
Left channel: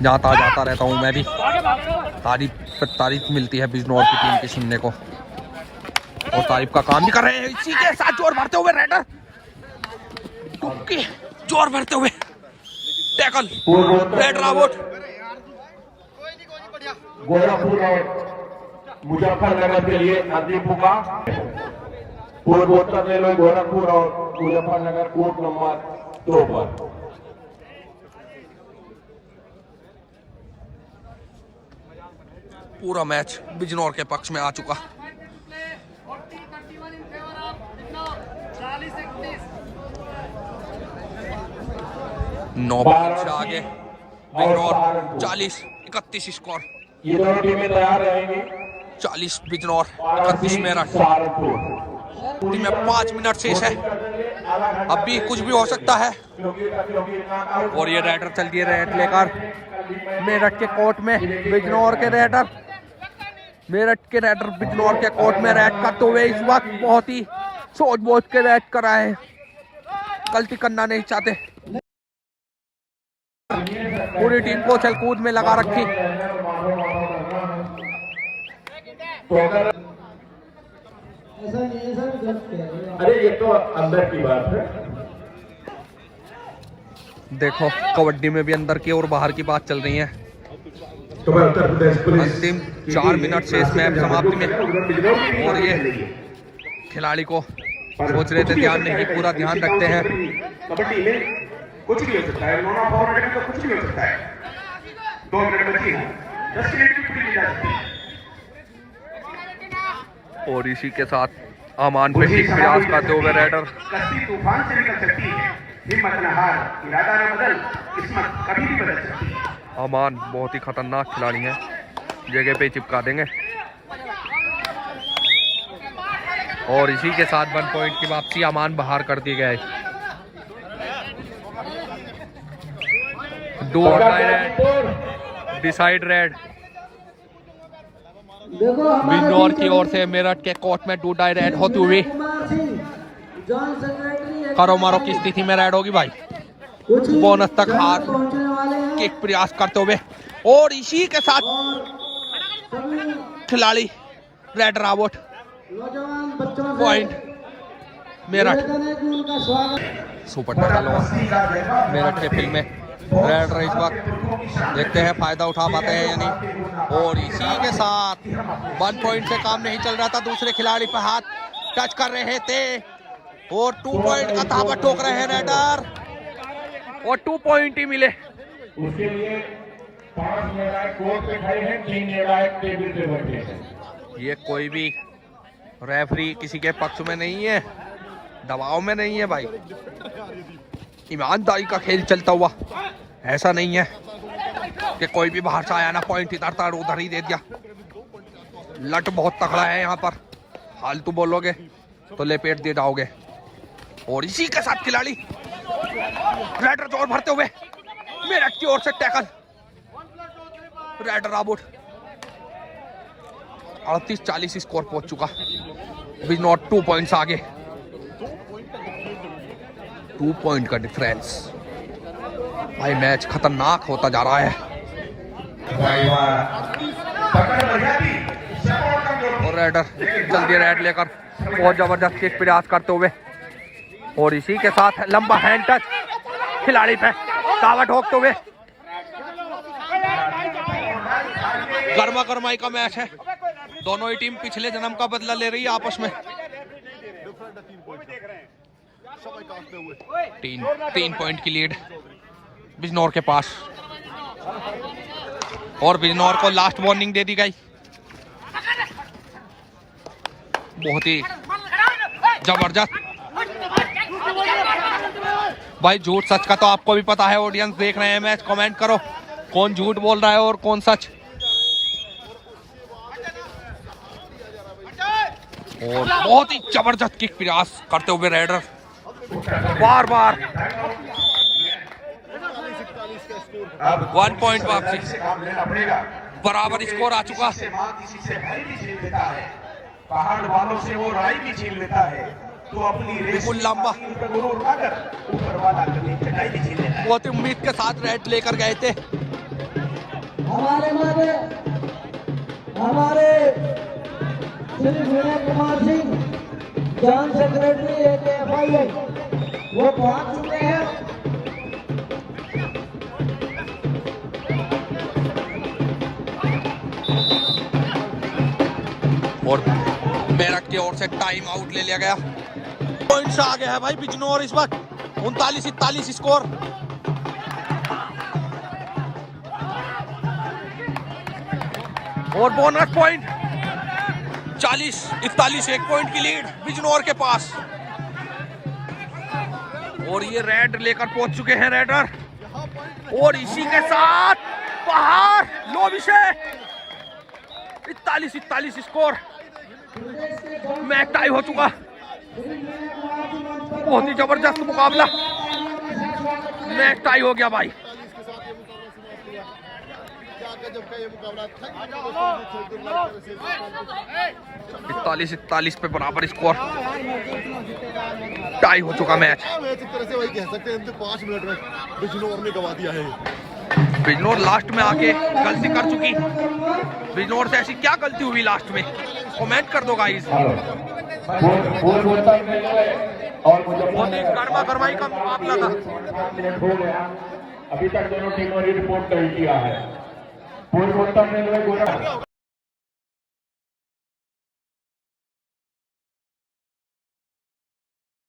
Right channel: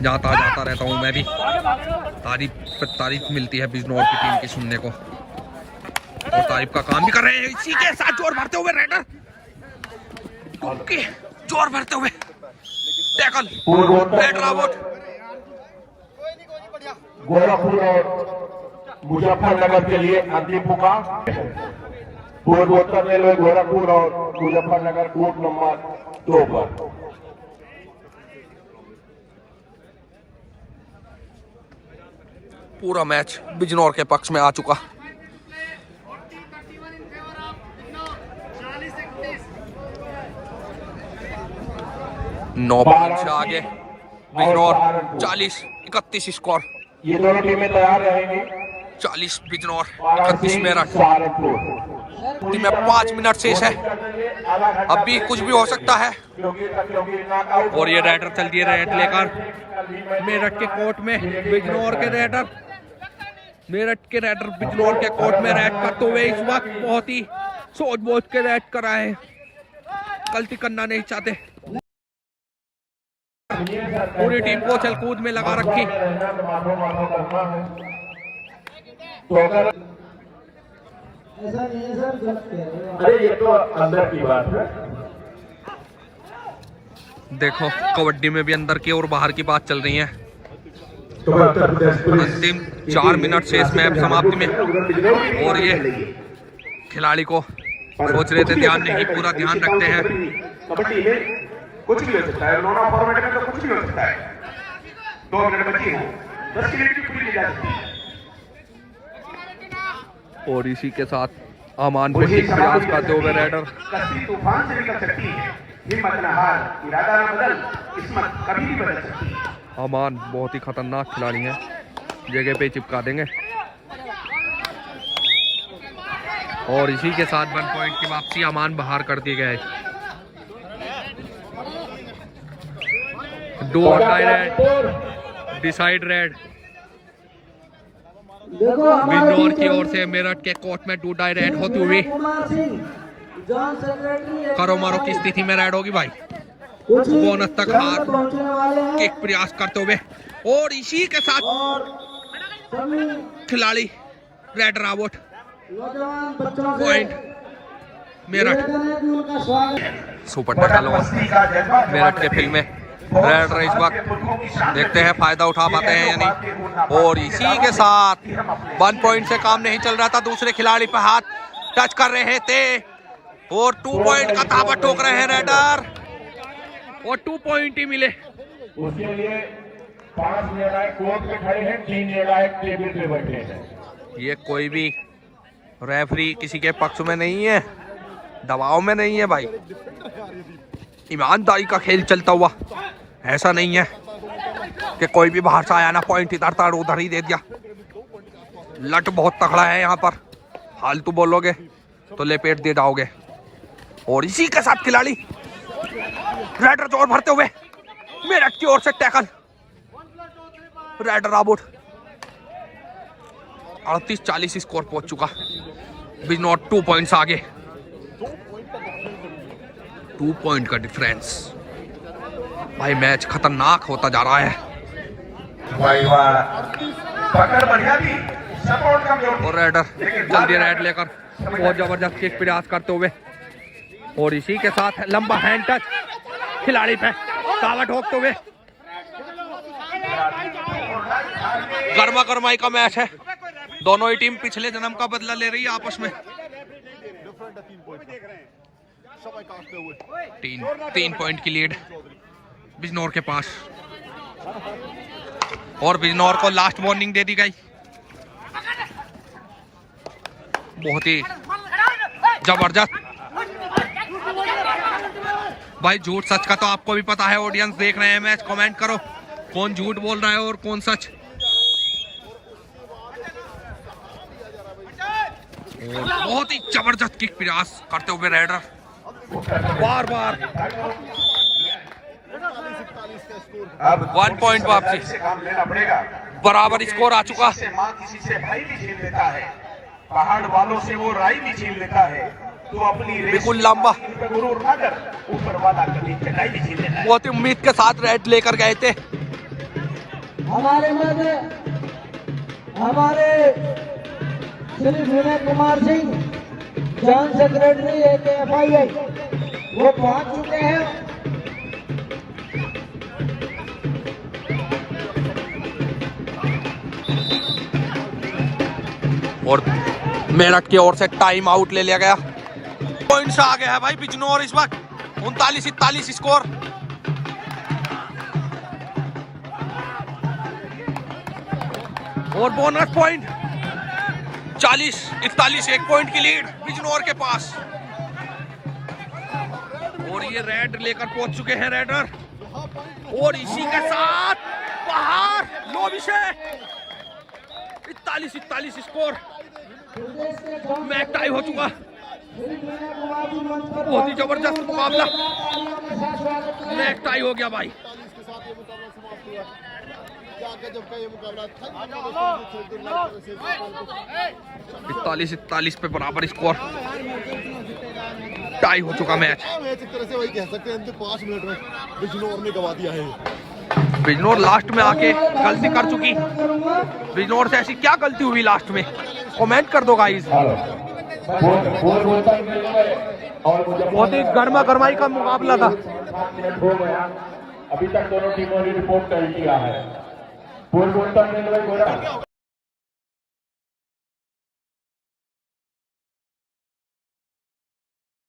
जाता जाता रहता हूँ मैं भी, तारीफ मिलती है बिजनौर की टीम की सुनने को, और तारीफ का काम भी कर रहे हैं। इसी के साथ जोर भरते हुए रेडर जोर भरते हुए टैकल रेड रावत। गोरखपुर और मुजफ्फरनगर के लिए अंतिम पुकार। पूर्वोत्तर रेलवे गोरखपुर और मुजफ्फरनगर कोर्ट नंबर 2 पर। पूरा मैच बिजनौर के पक्ष में आ चुका। नौ पॉइंट से आगे बिजनौर 40-31 स्कोर। ये दोनों टीमें तैयार रहेंगी। 40 बिजनौर 31 मेरठ। टीम में 5 मिनट शेष है, अब भी कुछ भी हो सकता है। और ये रेडर चल दिए रेड लेकर मेरठ के कोर्ट में। बिजनौर के रेडर मेरठ के रेडर बिजनौर के कोर्ट में रेड करते हुए इस वक्त बहुत ही सोच बोझ के रेड कर रहे हैं, गलती करना नहीं चाहते। पूरी टीम को चलकूद में लगा रखी। अरे ये तो अंदर की बात है। देखो कबड्डी में भी अंदर की और बाहर की बात चल रही है। तो मैं उत्तर प्रदेश पुलिस अंतिम 4 मिनट से इस मैच समाप्ति में, और ये खिलाड़ी को सोच रहे थे, ध्यान नहीं, पूरा ध्यान रखते हैं। कबड्डी में कुछ भी हो सकता है, दोनों फॉर्मेट में तो कुछ भी हो सकता है। 2 मिनट बची है, 10 मिनट की पूरी जा सकती है। और इसी के साथ अमान पे टिक प्रयास करते हुए रेडर। तूफान से निकल सकती है, हिम्मत न हार, इरादा न बदल, किस्मत कभी नहीं बदल सकती। अमान बहुत ही खतरनाक खिलाड़ी हैं, जगह पे चिपका देंगे। और इसी के साथ 1 पॉइंट की वापसी अमान बाहर कर दिए गए। Do or die raid, decide raid. Bijnor की ओर से मेरठ के कोर्ट में डू डाई रेड होती हुई करो मारो की स्थिति में रेड होगी भाई। बोनस तक हाथ किक प्रयास करते हुए, और इसी के साथ खिलाड़ी raider out. Point Meerut. Super tackle और मेरठ के फील्ड में रेडर इस वक्त देखते हैं फायदा उठा पाते हैं या नहीं। और इसी के साथ 1 पॉइंट से काम नहीं चल रहा था, दूसरे खिलाड़ी पर हाथ टच कर रहे थे और 2 पॉइंट का ताबा ठोक रहे हैं रेडर, और 2 पॉइंट ही मिले। उसके लिए 5 निर्णायक कोर्ट पे खड़े हैं, 3 निर्णायक टेबल पे बैठे हैं। ये कोई भी रेफरी किसी के पक्ष में नहीं है, दबाव में नहीं है भाई, ईमानदारी का खेल चलता हुआ। ऐसा नहीं है कि कोई भी बाहर से आया ना पॉइंट इधर था उधर ही दे दिया। लट बहुत तगड़ा है यहाँ पर, फालतू बोलोगे तो लेपेट दे जाओगे। और इसी के साथ खिलाड़ी रेडर जोर भरते हुए मेरठ की ओर से टैकल, रेडर आउट। 38-40 स्कोर पहुंच चुका। बिजनौर 2 पॉइंट्स आगे, 2 पॉइंट का डिफरेंस। भाई मैच खतरनाक होता जा रहा है। और रेडर जल्दी रेड लेकर बहुत जबरदस्त किक प्रयास करते हुए, और इसी के साथ लंबा हैंड टच खिलाड़ी पे दावा ठोकते हुए। गर्मा गर्माई का मैच है, दोनों ही टीम पिछले जन्म का बदला ले रही है आपस में। 3 पॉइंट की लीड बिजनौर के पास, और बिजनौर को लास्ट वार्निंग दे दी गई। बहुत ही जबरदस्त। भाई झूठ सच का तो आपको भी पता है, ऑडियंस देख रहे हैं मैच, कमेंट करो कौन झूठ बोल रहा है और कौन सच। और बहुत ही जबरदस्त किक प्रयास करते हुए रेडर बार बार 1 पॉइंट वापसी, बराबर स्कोर आ चुका। पहाड़ वालों से वो राई भी छीन लेता है, तो अपनी बिल्कुल लंबा, बहुत ही उम्मीद के साथ रेड लेकर गए थे। हमारे Shri Vinay Kumar Singh joint secretary AKFI वो पहुंच चुके हैं। और मेरठ की ओर से टाइम आउट ले लिया गया। पॉइंट से आगे है भाई बिजनौर इस वक्त 39-41 स्कोर। और बोनस पॉइंट 40-41, 1 पॉइंट की लीड बिजनौर के पास। और ये रेड लेकर पहुंच चुके हैं रेडर, और इसी के साथ बाहर लो विषय 41-41 स्कोर। मैच टाई हो चुका। बहुत ही जबरदस्त मुकाबला, मैच टाई हो गया भाई। 41-41 पे बराबर स्कोर, टाई हो चुका मैच। एक तरह से वही कह सकते हैं 5 मिनट में बिजनौर ने गवा दिया है। बिजनौर लास्ट में आके गलती कर चुकी। बिजनौर से ऐसी क्या गलती हुई लास्ट में, कमेंट कर दो गाइस। बहुत ही गर्मा गर्माई का मुकाबला था। अभी तक दोनों टीमों ने रिपोर्ट कर दिया है।